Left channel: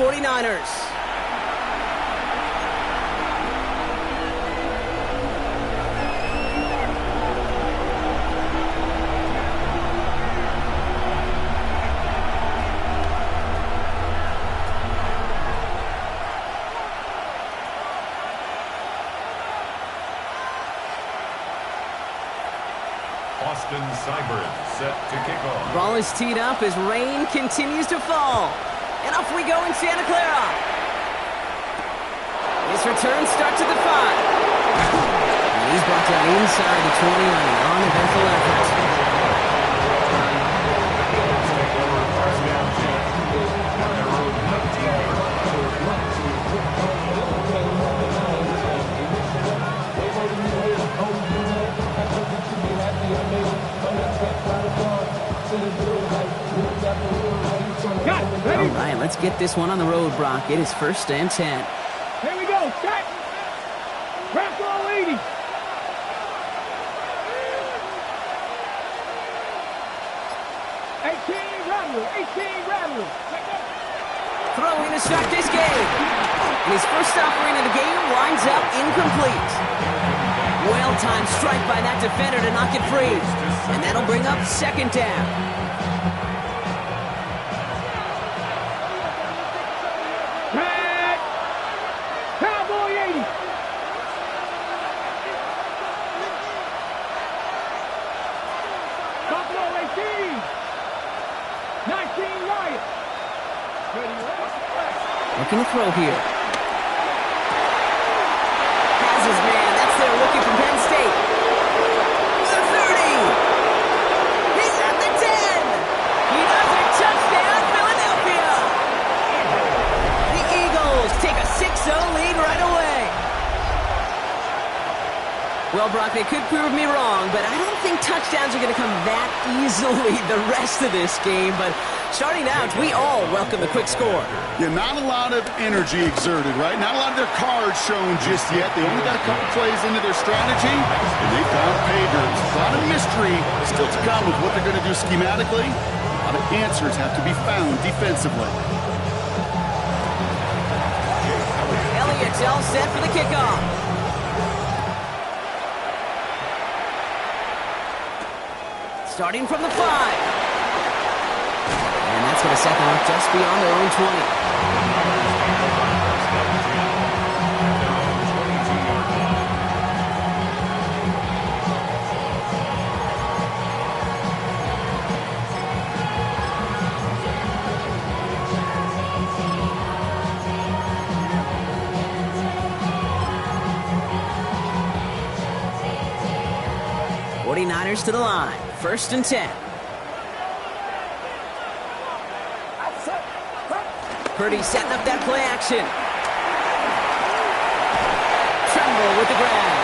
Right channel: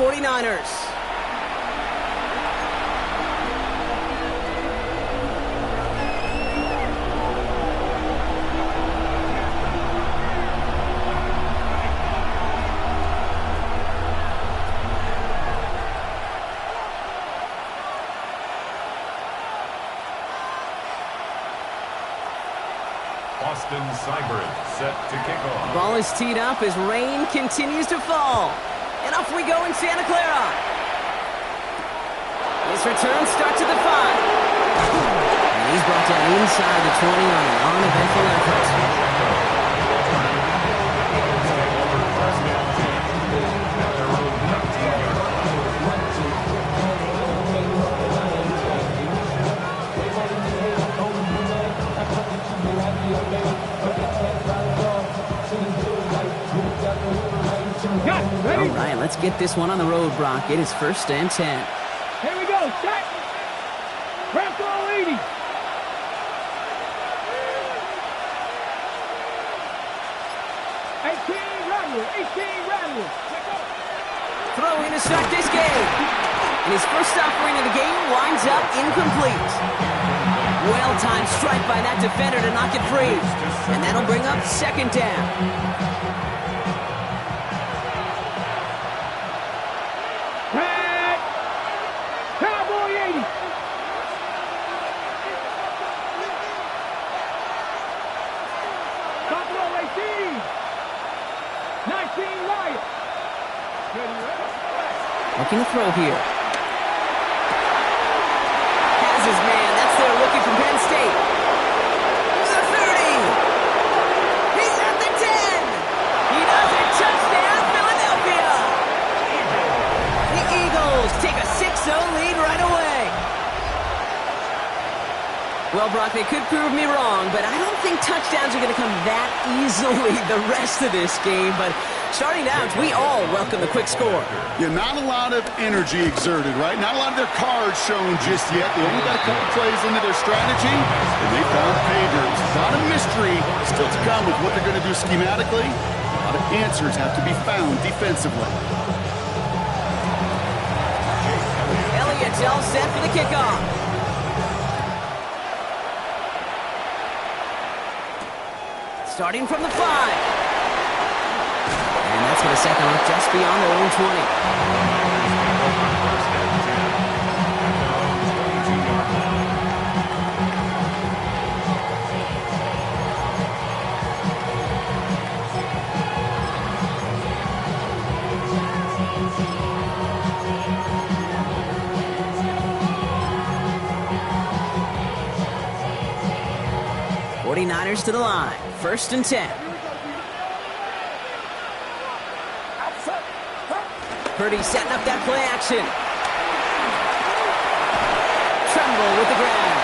49ers. Austin Seibert set to kick off. Ball is teed up as rain continues to fall. And off we go in Santa Clara. His return starts at the 5. And he's brought down inside the 20 on an uneventful effort. All right, let's get this one on the road, Brock. It is 1st and 10. Here we go. Check. Bronco 80. Rattler. Throwing to start this game. And his first offering of the game winds up incomplete. Well-timed strike by that defender to knock it free. And that'll bring up 2nd down. Cowboy 80. Buffalo 18. 19 Riot. Looking to throw here. Has his man. That's their rookie from Penn State. The 30. He's at the 10. He does it. Touchdown, Philadelphia. The Eagles take a 6-0 lead right away. Well, Brock, they could prove me wrong, but I don't think touchdowns are going to come that easily the rest of this game. But starting out, we all welcome the quick score. Yeah, not a lot of energy exerted, right? Not a lot of their cards shown just yet. They only got a couple plays into their strategy, and they found pay dirt. A lot of mystery still to come with what they're going to do schematically. A lot of answers have to be found defensively. Elliott's all set for the kickoff. Starting from the 5. And that's going to set them up just beyond their own 20. '49ers to the line. 1st and 10. Purdy setting up that play action. Tremble with the grab.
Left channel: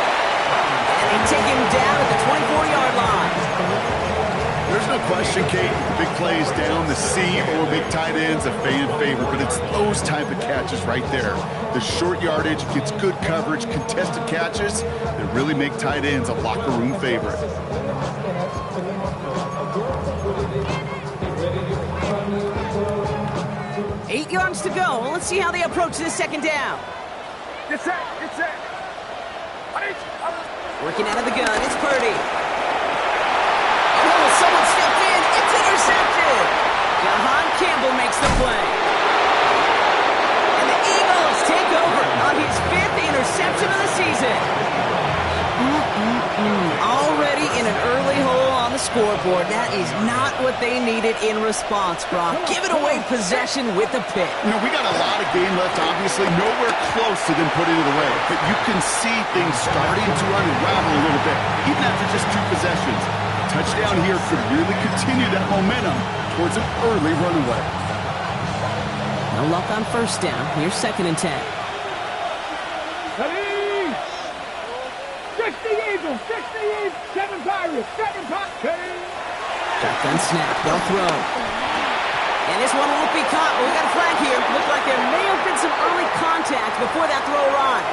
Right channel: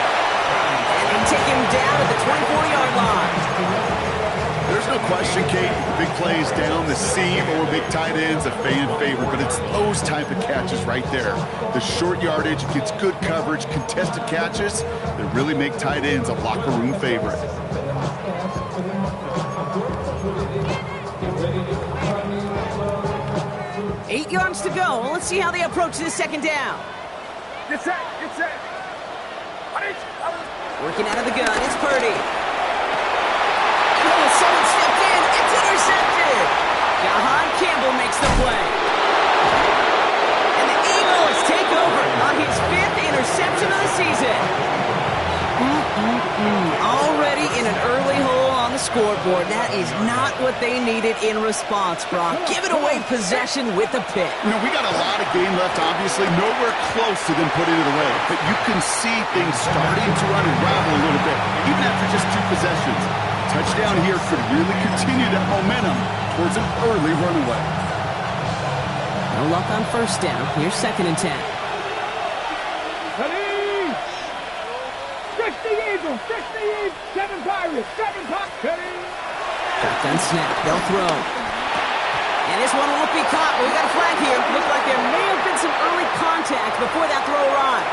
And they take him down at the 24-yard line. There's no question, Kate, big plays down the seam or big tight ends, a fan favorite, but it's those type of catches right there. The short yardage gets good coverage, contested catches that really make tight ends a locker room favorite. 8 yards to go. Well, let's see how they approach this 2nd down. Get set. Working out of the gun, it's Purdy. Oh, someone stepped in. It's intercepted. Jahan Campbell makes the play. And the Eagles take over on his 5th interception of the season. Already in an early hole on the scoreboard. That is not what they needed in response, Brock. Give it away possession with the pick. You know, we got a lot of game left, obviously. Nowhere close to them putting it away. But you can see things starting to unravel a little bit, even after just 2 possessions. A touchdown here could really continue that momentum towards an early runaway. No luck on 1st down. Here's 2nd and 10. Eagles, 7 Pirates, 7 Pirates. Shotgun snap, they'll throw. And this one won't be caught. Well, we got a flag here. Looked like there may have been some early contact before that throw arrived.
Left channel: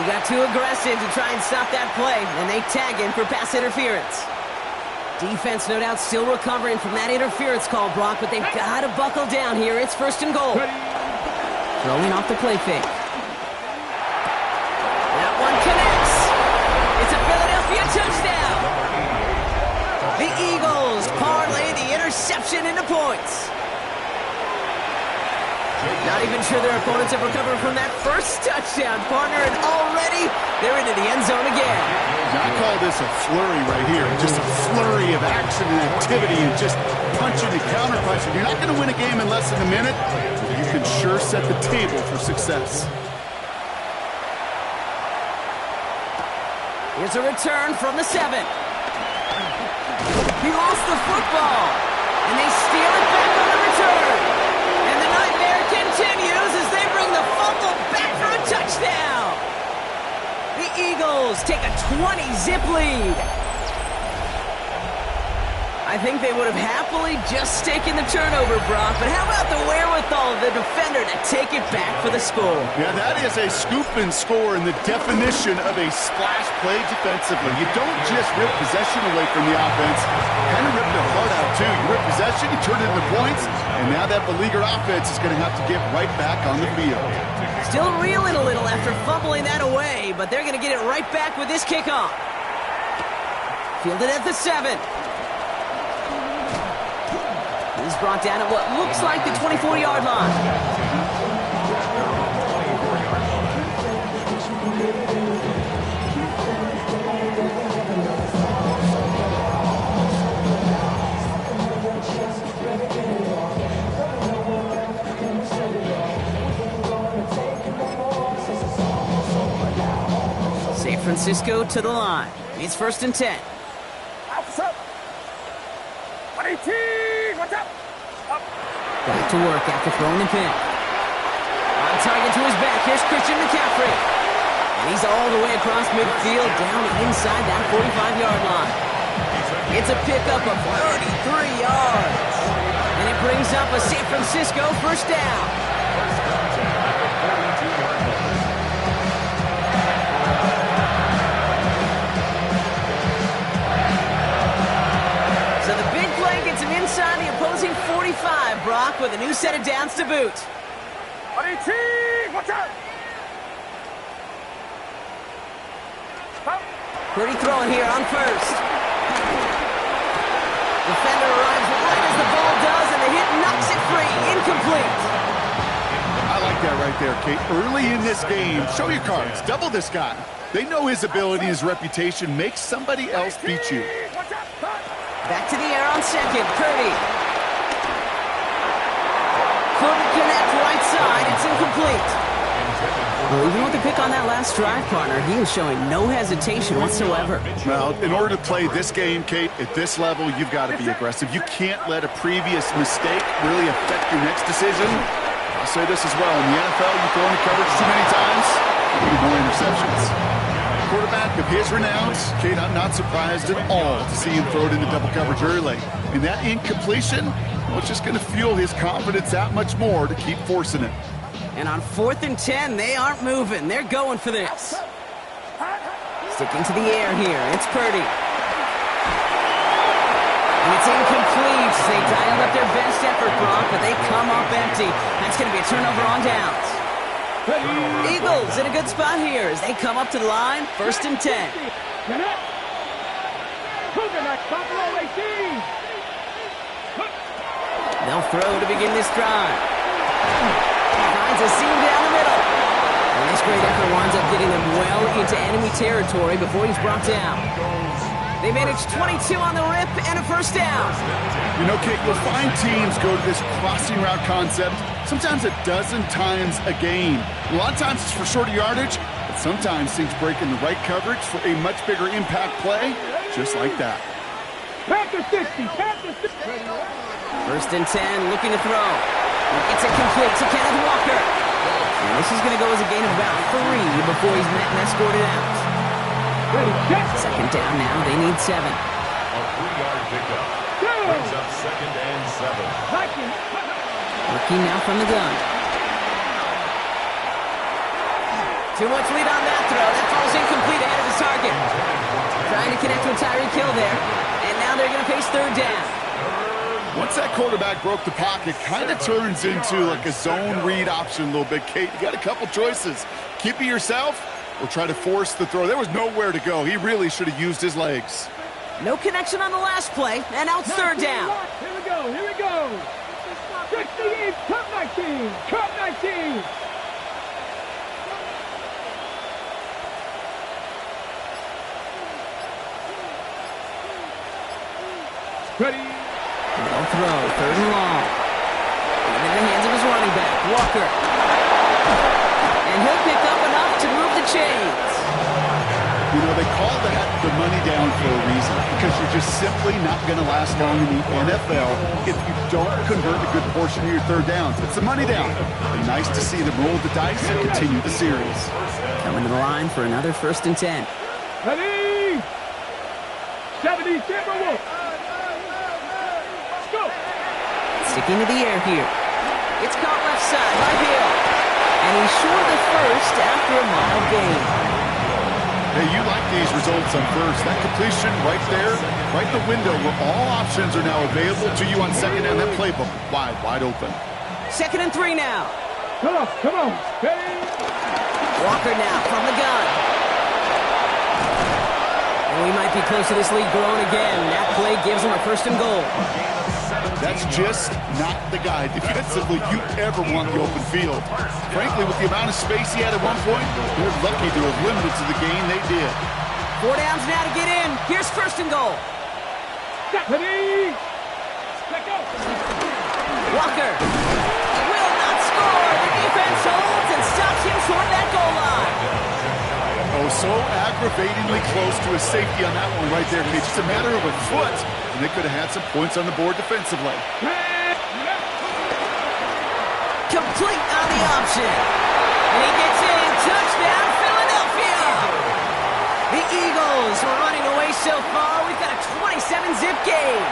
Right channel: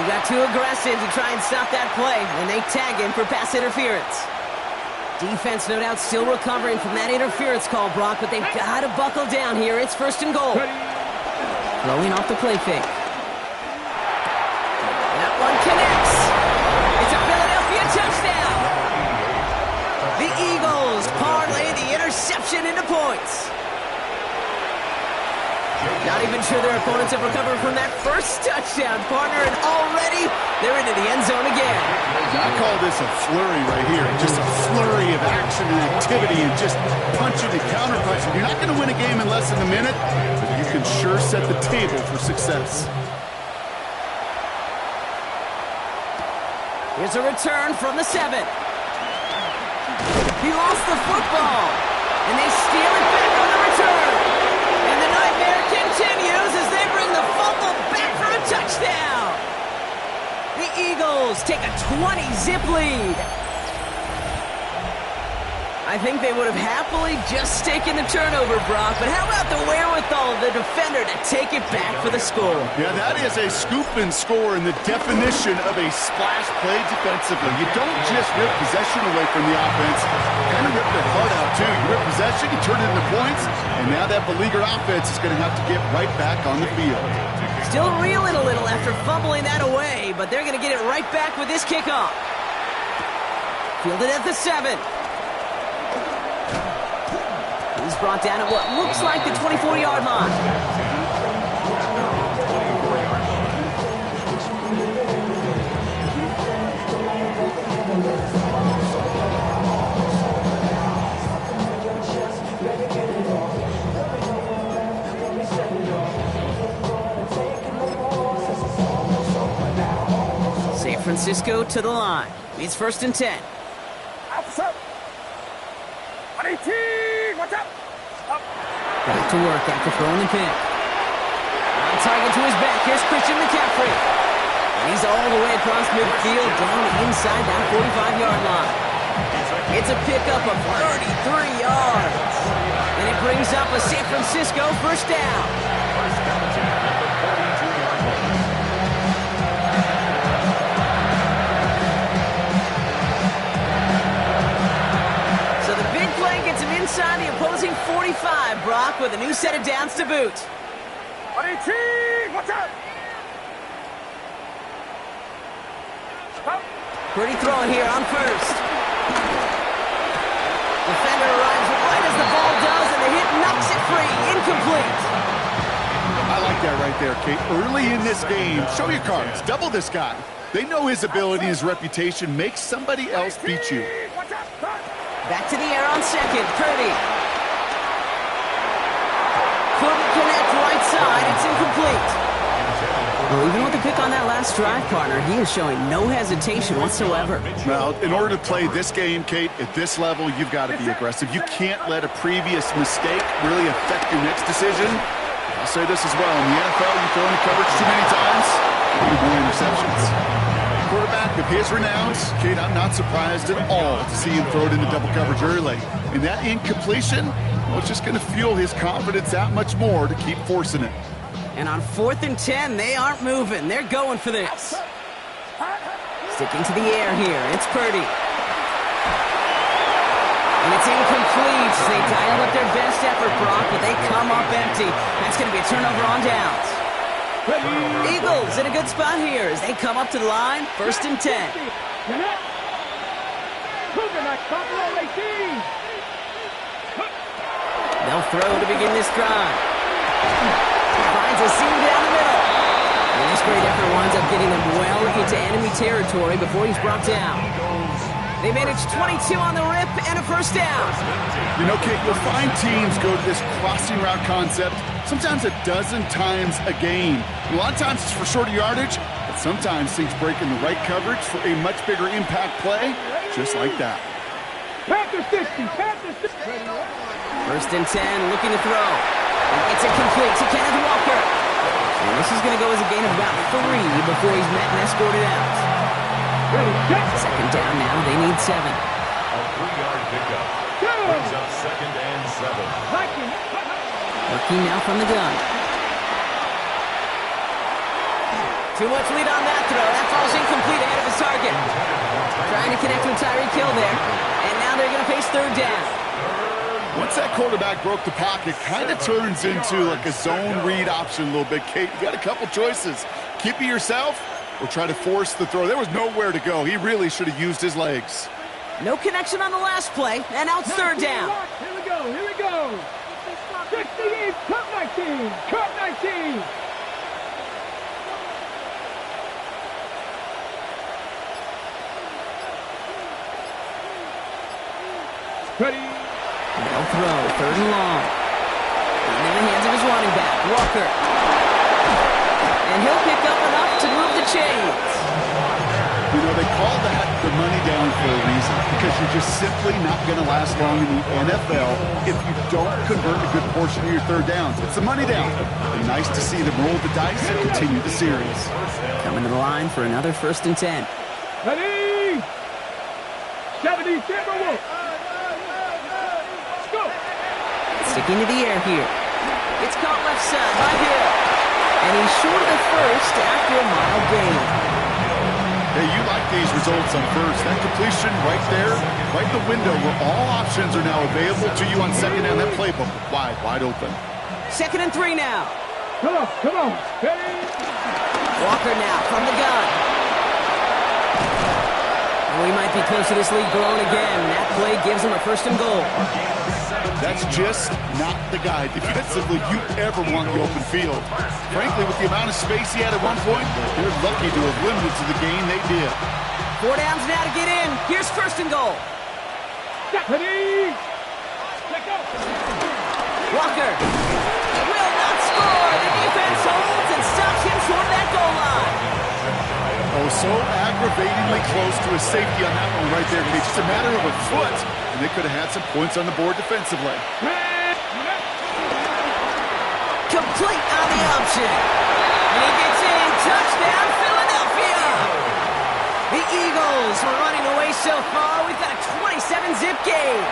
He got too aggressive to try and stop that play, and they tag him for pass interference. Defense, no doubt, still recovering from that interference call, Brock, but they've got to buckle down here. It's 1st and goal. Throwing off the play fake. That one connects. It's a Philadelphia touchdown. The Eagles parlay the interception into points. Not even sure their opponents have recovered from that first touchdown, partner, and already they're into the end zone again. I call this a flurry right here. Just a flurry of action and activity and just punching and counter-punching. You're not going to win a game in less than a minute, but you can sure set the table for success. Here's a return from the 7. He lost the football, and they steal it back on the return. And the nightmare continues as they bring the fumble back for a touchdown. The Eagles take a 20-zip lead. I think they would have happily just taken the turnover, Brock, but how about the wherewithal of the defender to take it back for the score? Yeah, that is a scoop and score in the definition of a splash play defensively. You don't just rip possession away from the offense, kind of rip their heart out too. You rip possession, you turn it into points, and now that beleaguered offense is going to have to get right back on the field. Still reeling a little after fumbling that away, but they're going to get it right back with this kickoff. Fielded at the 7. He's brought down at what looks like the 24-yard line. San Francisco to the line. It's 1st and 10. Up. 18. What's up? Up. Back to work after throwing the pick. On target to his back. Here's Christian McCaffrey. And he's all the way across midfield down inside that 45-yard line. It's a pickup of 33 yards. And it brings up a San Francisco 1st down. 1st and 10 at the 42-yard line. So the big play gets him inside the opposing 45, Brock, with a new set of downs to boot. 18. What's up? Up. Pretty throwing here on 1st. Defender arrives right as the ball does, and the hit knocks it free. Incomplete. I like that right there, Kate. Early in this game, show your cards. Double this guy. They know his ability, his reputation. Make somebody else beat you. What's up? Back to the air on 2nd. Purdy. Couldn't connect right side. It's incomplete. Well, even with the pick on that last drive, partner, he is showing no hesitation whatsoever. Well, in order to play this game, Kate, at this level, you've got to be aggressive. You can't let a previous mistake really affect your next decision. I'll say this as well. In the NFL, you throw into coverage too many times, you get more interceptions. Quarterback of his renowns, Kate, I'm not surprised at all to see him throw it into double coverage early. And that incompletion, well, it's just going to fuel his confidence that much more to keep forcing it. And on 4th and 10, they aren't moving. They're going for this. Sticking to the air here. It's Purdy. And it's incomplete. They dialed up their best effort, Brock, but they come up empty. That's going to be a turnover on downs. Eagles in a good spot here as they come up to the line. 1st and 10. They'll throw to begin this drive. Finds a seam down the middle. And this great effort winds up getting them well into enemy territory before he's brought down. They managed 22 on the rip and a 1st down. You know, Kate, you'll find teams go to this crossing route concept sometimes a dozen times a game. A lot of times it's for shorter yardage, but sometimes things break in the right coverage for a much bigger impact play, just like that. Panther 60. 1st and 10, looking to throw. He gets it complete to Kenneth Walker. And this is going to go as a gain of about 3 before he's met and escorted out. 2nd down now. They need 7. A 3-yard pickup. Brings up 2nd and 7. Working now from the gun. Too much lead on that throw. That falls incomplete ahead of his target. Trying to connect with Tyreek Hill there. And now they're going to face third down. Once that quarterback broke the pocket, kind of turns into like a zone read option a little bit. Kate, you got a couple choices. Keep it yourself or try to force the throw. There was nowhere to go. He really should have used his legs. No connection on the last play, and now it's third down. Here we go, here we go. 68, cut 19, cut 19. Ready. No throw, third and long. In the hands of his running back, Walker. And he'll pick up enough to move the chains. You know, they call that the money down for a reason, because you're just simply not going to last long in the NFL if you don't convert a good portion of your third downs. It's the money down. And nice to see them roll the dice and continue the series. Coming to the line for another 1st and 10. Ready. 70, Timberwolves. Let's go. Sticking to the air here. It's caught left side by Hill. And he's short of the first after a mild gain. Hey, you like these results on first. That completion right there, right in the window where all options are now available to you on second down. That playbook wide open. 2nd and 3 now. Come on. Ready. Walker now from the gun. And we might be close to this lead growing again. That play gives him a 1st and goal. That's just not the guy defensively you ever want the open field. Frankly, with the amount of space he had at one point, they're lucky to have limited to the game they did. 4 downs now to get in. Here's 1st and goal. Ready. Let go. Walker will not score. The defense holds and stops him short of that goal line. Oh, so aggravatingly close to a safety on that one right there, Kate. Just a matter of a foot, and they could have had some points on the board defensively. Complete on the option. And he gets in. Touchdown, Philadelphia. The Eagles were running away so far. We've got a 27-zip game.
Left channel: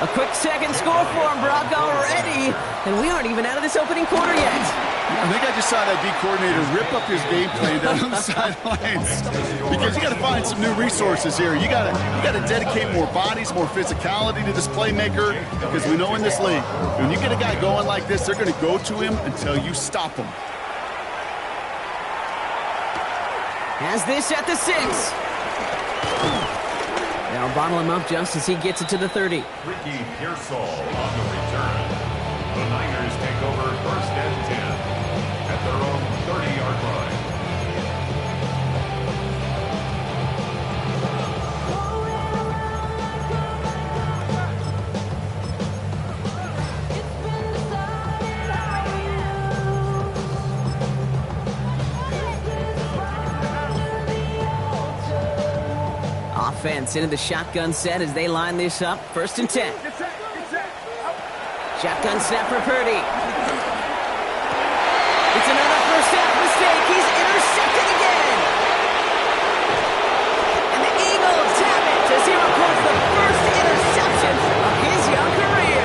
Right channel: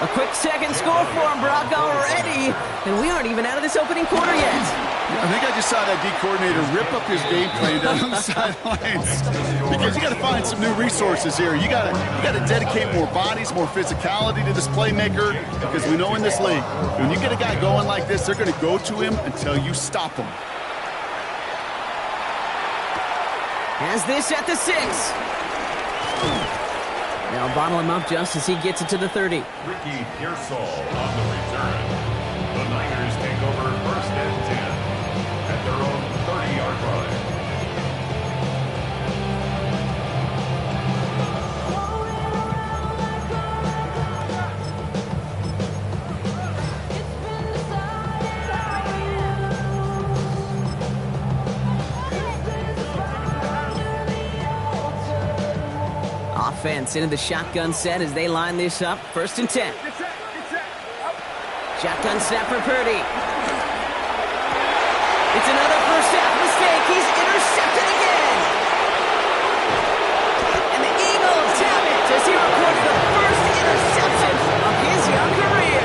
A quick second score for him, Brock, already. And we aren't even out of this opening quarter yet. I think I just saw that D coordinator rip up his game plan down on the sidelines, because you got to find some new resources here. You got to dedicate more bodies, more physicality to this playmaker, because we know in this league, when you get a guy going like this, they're going to go to him until you stop him. Has this at the 6. They'll bottle him up just as he gets it to the 30. Ricky Pearsall on the return. The Niners take over 1st and 10 at their own 30-yard line. Offense into the shotgun set as they line this up. 1st and 10. Shotgun snap for Purdy. It's another first half mistake. He's intercepted again. And the Eagles have it as he records the first interception of his young career.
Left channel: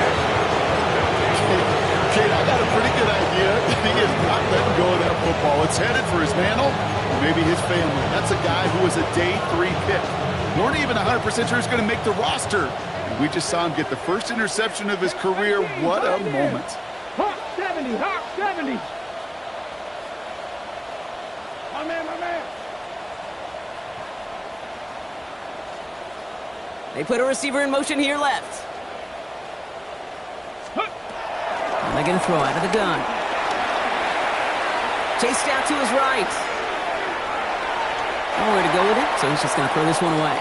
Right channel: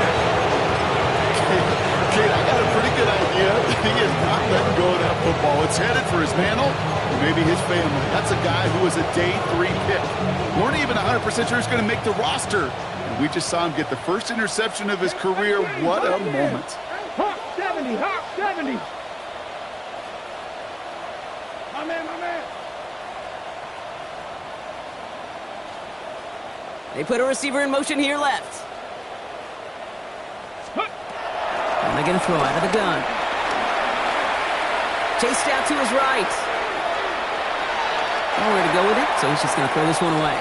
Kate, I got a pretty good idea that he is not letting go of that football. It's headed for his mantle, or maybe his family. That's a guy who was a day 3 pick. Weren't even 100% sure he's going to make the roster. And we just saw him get the first interception of his career. What a moment. Hawk 70, Hawk 70. My man. They put a receiver in motion here left. And they're going to throw out of the gun. Chased out to his right. Nowhere to go with it, so he's just going to throw this one away.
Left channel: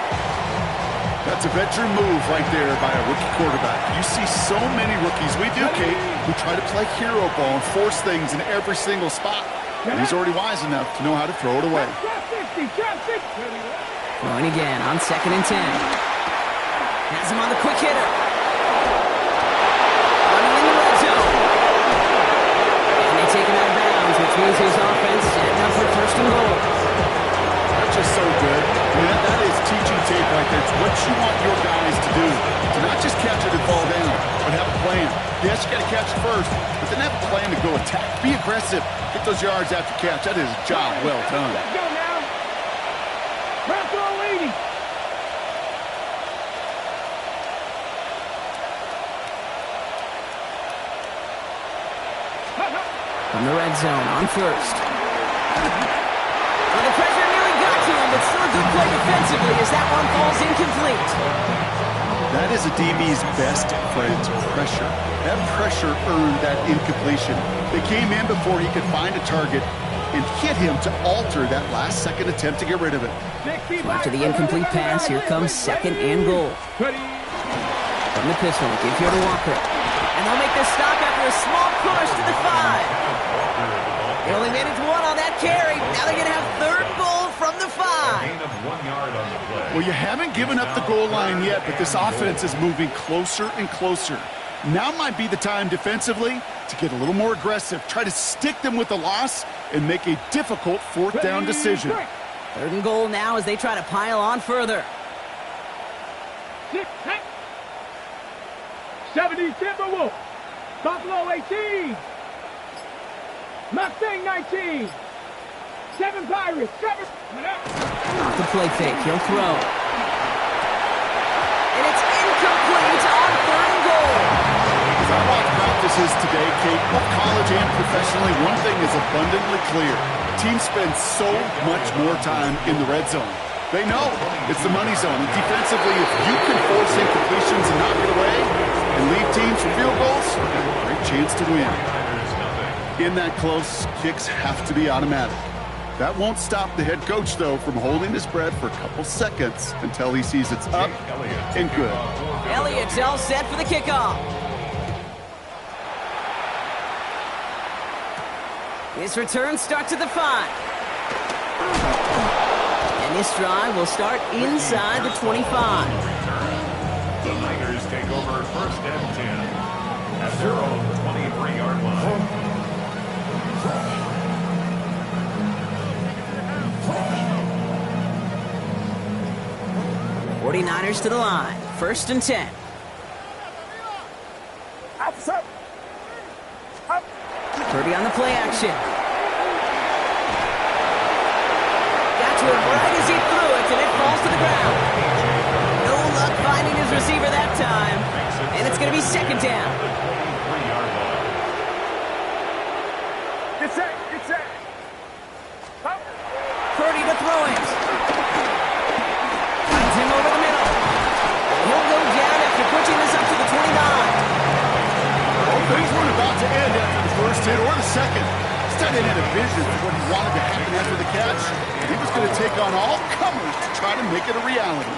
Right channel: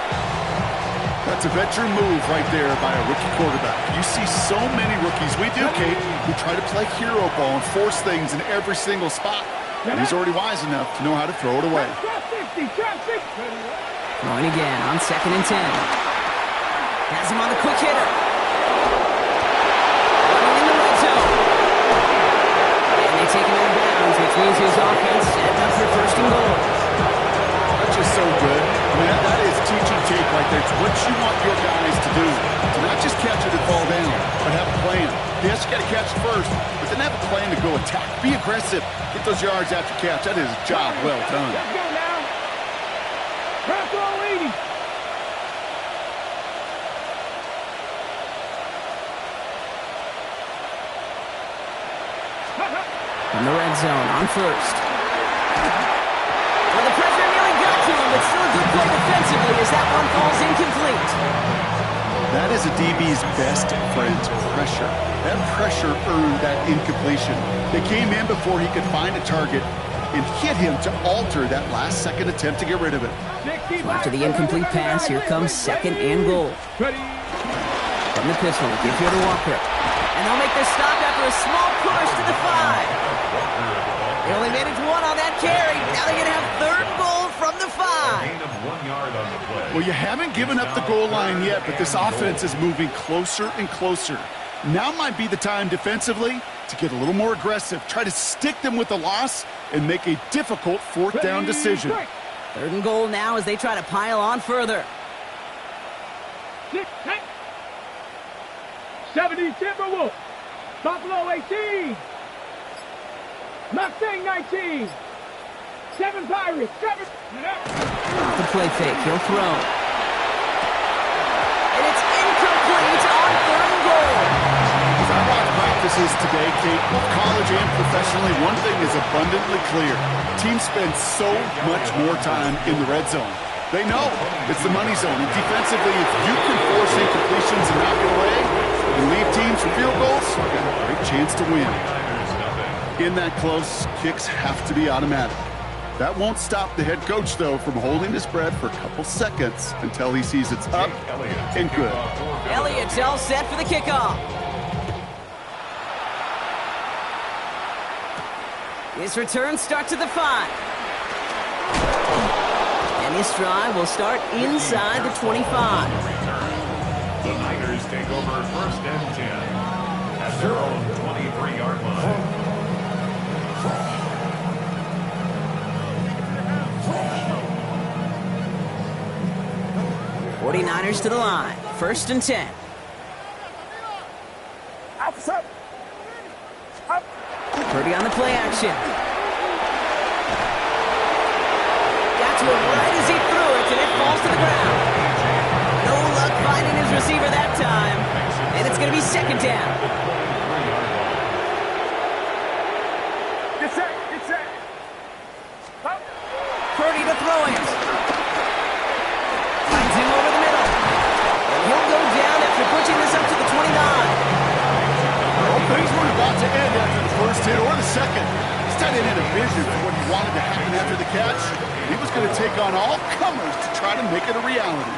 That's a veteran move right there by a rookie quarterback. You see so many rookies, we do, Kate, who try to play hero ball and force things in every single spot. And he's already wise enough to know how to throw it away. Throwing again on 2nd and 10. Has him on the quick hitter. Running in the red zone. And they take him out of bounds, which means his offense setting up for 1st and goal. just so good. I mean, that is teaching tape right there. It's what you want your guys to do. To not just catch it and fall down, but have a plan. Yes, you got to catch it first, but then have a plan to go attack. Be aggressive. Get those yards after catch. That is a job well done. Let's go now. Round throw 80. From the red zone on first. Well, the pressure nearly got to him, but still a good play defensively as that one falls incomplete. That is a DB's best friend, pressure. That pressure earned that incompletion. They came in before he could find a target and hit him to alter that last-second attempt to get rid of it. So after the incomplete pass, here comes second and goal. From the pistol, give here to Walker. And they'll make their stop after a small push to the 5. They only made it to 1 on that carry. Now they're going to have third goal from the 5. Gain of 1 yard on the play. Well, you haven't given up the goal line yet, but this offense is moving closer and closer. Now might be the time defensively to get a little more aggressive. Try to stick them with the loss and make a difficult fourth down decision. Third and goal now as they try to pile on further. 70 Timberwolves. Buffalo 18. Mustang 19. 7 Pirates. 7. Off the play fake, he'll throw. And it's incomplete on third and goal. As I watch practices today, Kate, both college and professionally, one thing is abundantly clear. Teams spend so much more time in the red zone. They know it's the money zone. And defensively, if you can force incompletions and knock it away and leave teams for field goals, you've got a great chance to win. In that close, kicks have to be automatic. That won't stop the head coach, though, from holding his breath for a couple seconds until he sees it's up and good. Elliott's all set for the kickoff. His return starts at the 5. And this drive will start inside the 25. The Niners take over first and 10 at their own 23-yard line. 49ers to the line. First and 10. Purdy on the play action. Got to it right as he threw it, and it falls to the ground. No luck finding his receiver that time. And it's going to be second down. Get set. Get set. Purdy to throw it. Finds him over the middle. And he'll go down after pushing this up to the 29. Well, things weren't about to end after the first hit or the second. This tight end had a vision for what he wanted to happen after the catch. He was going to take on all comers to try to make it a reality.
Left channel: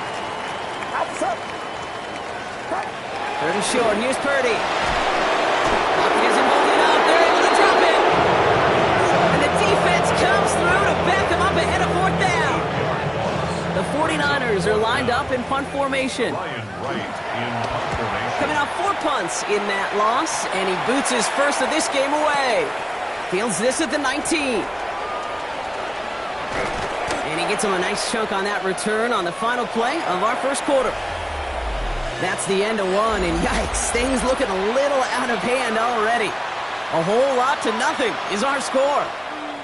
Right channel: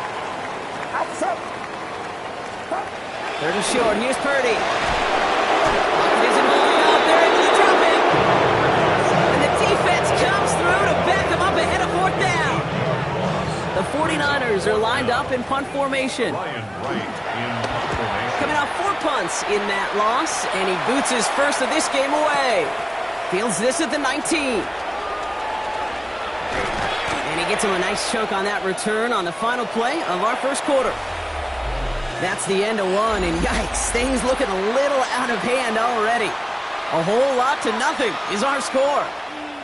Third and short. Here's Purdy. Pocket isn't moving up. They're able to drop him. And the defense comes through to back him up ahead of fourth down. The 49ers are lined up in punt formation. Coming off 4 punts in that loss, and he boots his first of this game away. Fields this at the 19. And he gets him a nice chunk on that return on the final play of our first quarter. That's the end of one, and yikes, things looking a little out of hand already. A whole lot to nothing is our score.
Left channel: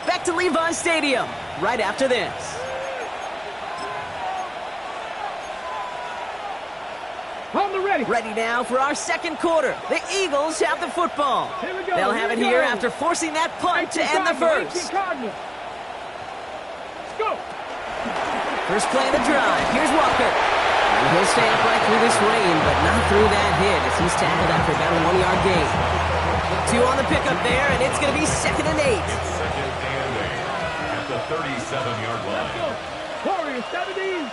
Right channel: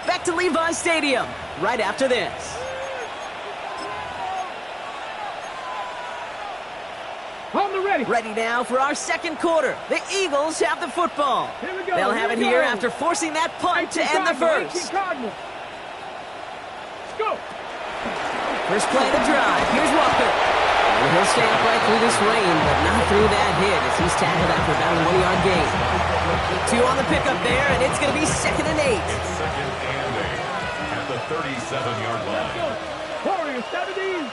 Back to Levi's Stadium right after this. On the ready. Ready now for our second quarter. The Eagles have the football. Here we go. They'll have it here after forcing that punt to end the first. Cardinals. Let's go. First play of the drive. Here's Walker. And he'll stay upright through this rain, but not through that hit as he's tackled after about a 1-yard gain. 2 on the pickup there, and it's going to be 2nd and 8. It's 2nd and 8 at the 37-yard line. Warriors 17.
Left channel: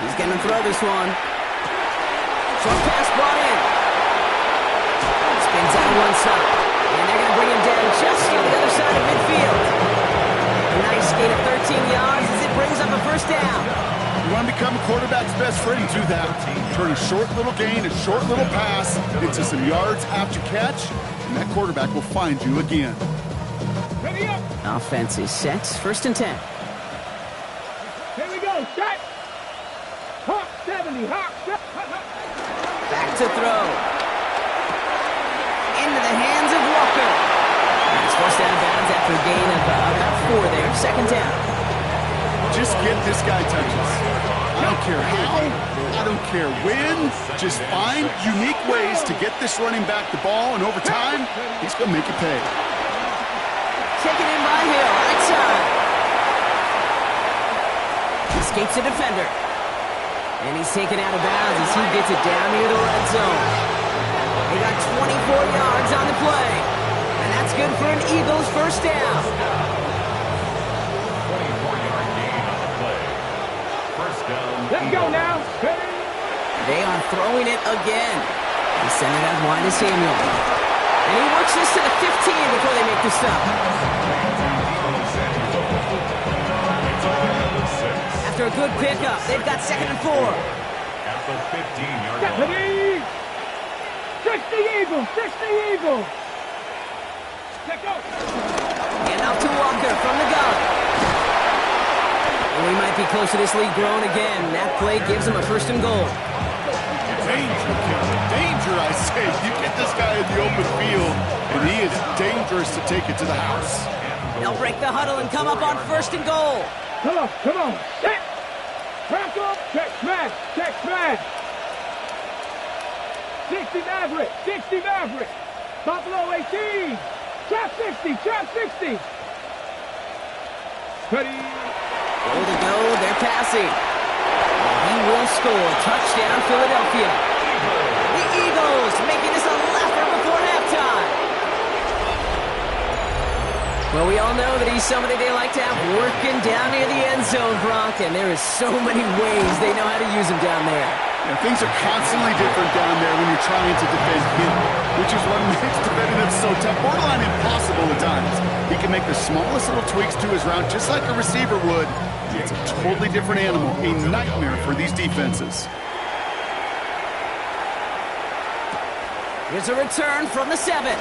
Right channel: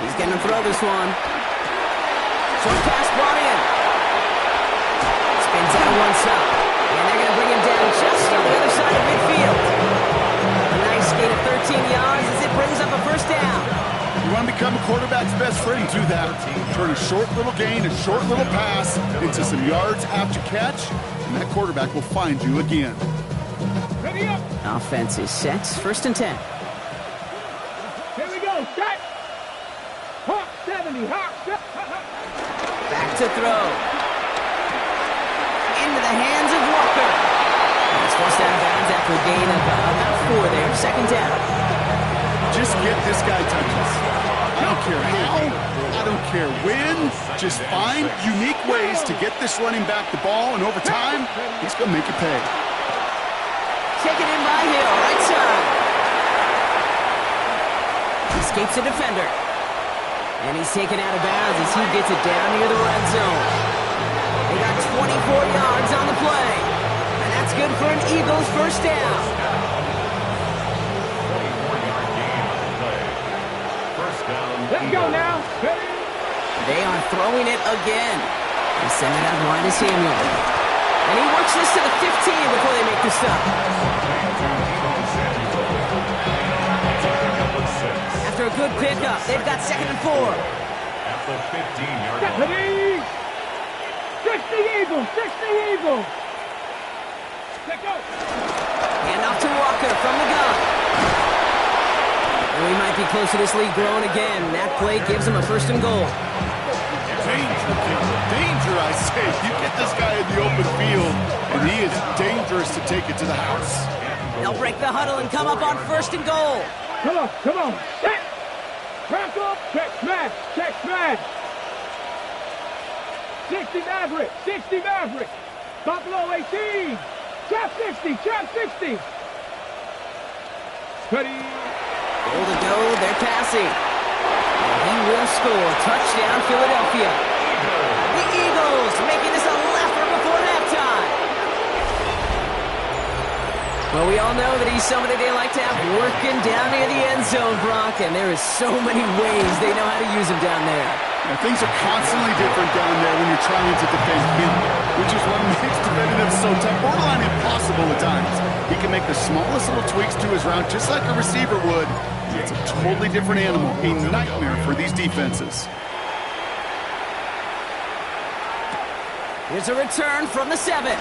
He's going to throw this one. Short pass brought in. Spins out one stop. And they're going to bring him down just on the other side of midfield. A nice gain of 13 yards as it brings up a first down. You want to become a quarterback's best friend, do that. Turn a short little gain, a short little pass into some yards after catch, and that quarterback will find you again. Ready up. Offense is set. First and 10. set. Hawk 70, Hawk 70. Back to throw. Into the hands of Walker. And he's forced out of bounds after a gain of about 4 there. Second down. Just get this guy touches. I don't care how, I don't care when. Just find unique ways to get this running back the ball, and over time, he's going to make it pay. Taken in by Hill, right side. Escapes a defender. And he's taken out of bounds as he gets it down near the red zone. They got 24 yards on the play. And that's good for an Eagles first down. 24-yard gain on the play. First down. Let's go now. They are throwing it again. They send it out wide to Samuel. And he works this to the 15 before they make the stop. After a good pickup, they've got 2nd and 4. At the 15-yard line. Deputy! 60 Eagles, 60 Eagles. Let's go. And off to Walker from the gun. And we might be close to this lead growing again. That play gives them a 1st and goal. Danger, Caleb. Danger, I say. You get this guy in the open field, and he is dangerous to take it to the house. They'll break the huddle and come up on 1st and goal. Come on. Set. Crack up. Check smash. Check smash. 60 Maverick. 60 Maverick. Buffalo 18. Trap 60. Trap 60. Ready. Goal to go. They're passing. And he will score. Touchdown, Philadelphia. The Eagles making this a laugher before halftime. Well, we all know that he's somebody they like to have working down near the end zone, Brock, and there is so many ways they know how to use him down there. You know, things are constantly different down there when you're trying to defend him, which is what makes defending him so tough, borderline impossible at times. He can make the smallest little tweaks to his route just like a receiver would. It's a totally different animal, a nightmare for these defenses. Here's a return from the 7.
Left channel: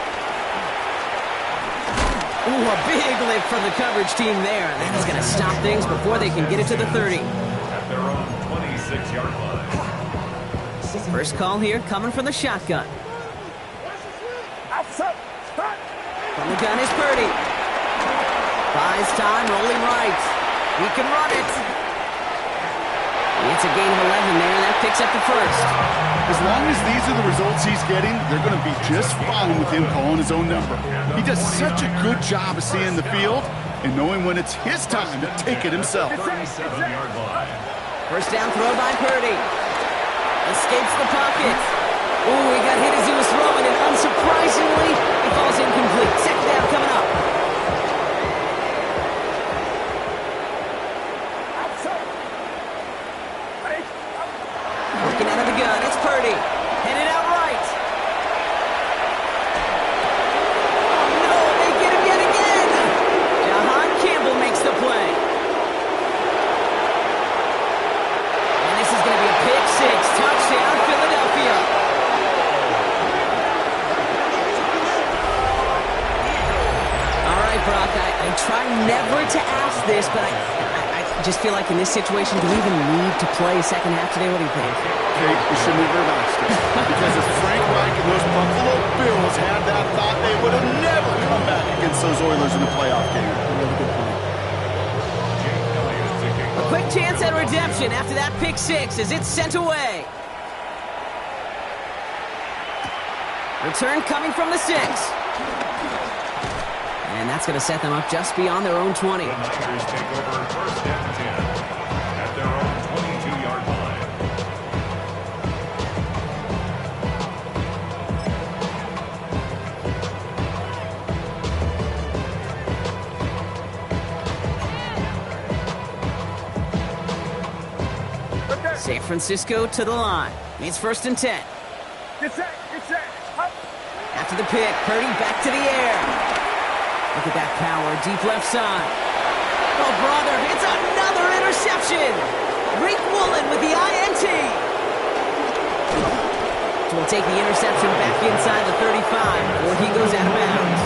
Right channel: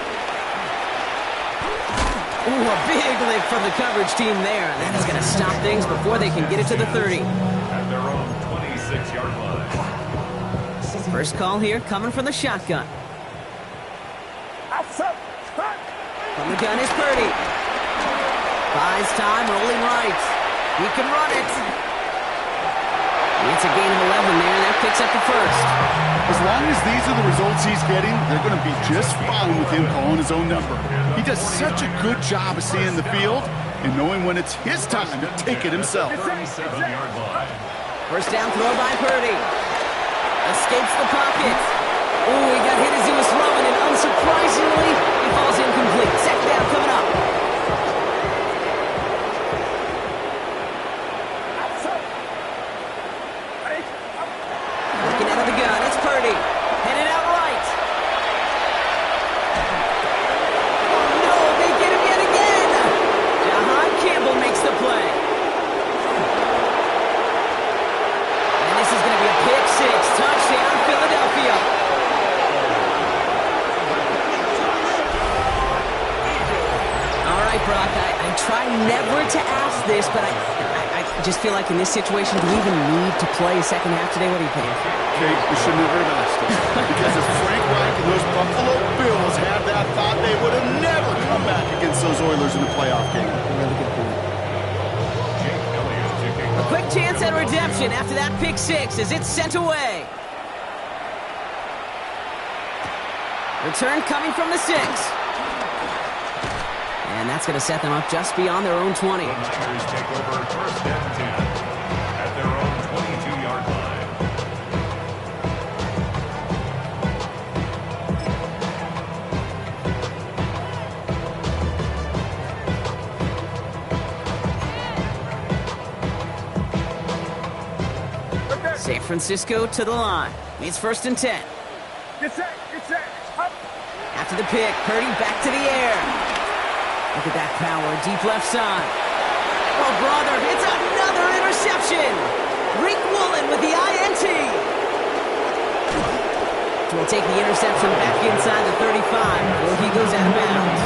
Ooh, a big lift from the coverage team there. And that is going to stop things before they can get it to the 30. At their own 26-yard line. First call here coming from the shotgun. From the gun is Purdy. Buys time, rolling right. He can run it. It's a gain of 11 there, and that picks up the 1st. As long as these are the results he's getting, they're going to be just fine with him calling his own number. He does such a good job of seeing the field and knowing when it's his time to take it himself. 37-yard line. First down throw by Purdy. Escapes the pocket. Ooh, he got hit as he was throwing, and unsurprisingly, he falls incomplete. Second down coming up. Working out of the gun, it's Purdy. Headed out right. Oh no, they get him yet again. Jahan Campbell makes the play. And this is going to be a pick 6. Touchdown, Philadelphia. All right, Brock, I try never to ask this, but I just feel like in this situation, do we even need to play a second half today? What do you think? Okay, we should never have asked it. Because if Frank Reich and those Buffalo Bills had that thought, they would have never come back against those Oilers in the playoff game. Really good point. Jake Elliott taking A quick chance at redemption after that pick 6 as it's sent away. Return coming from the 6. And that's going to set them up just beyond their own 20. The Niners take over 1st and 10 at their own 22-yard line. San Francisco to the line. It's 1st and 10. Get set. Up. After the pick, Purdy back to the air. Look at that power, deep left side. Oh, brother, it's another interception. Rick Woolen with the INT. Will take the interception back inside the 35 before he goes out of bounds.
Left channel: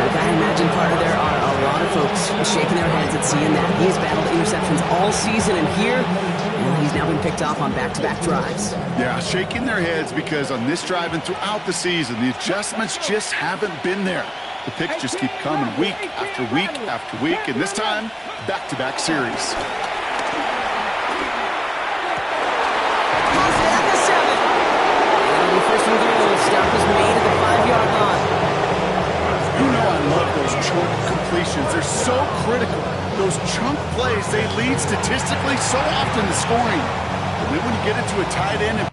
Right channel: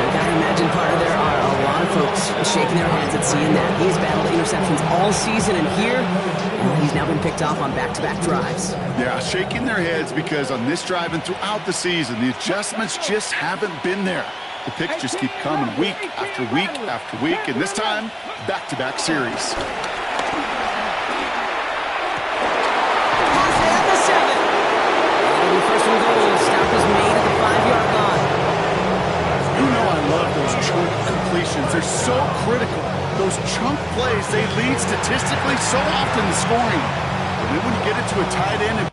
The guy in imagine, partner, there are a lot of folks shaking their heads at seeing that. He's battled interceptions all season, and here, well, he's now been picked off on back-to-back drives. Yeah, shaking their heads because on this drive and throughout the season, the adjustments just haven't been there. The picks just keep coming week after week after week, and this time, back-to-back series. He's at the 7. And it'll be first and goal. Stop is made at the 5-yard line. You know I love those chunk completions. They're so critical. Those chunk plays, they lead statistically so often to scoring. And then when you get it to a tight end and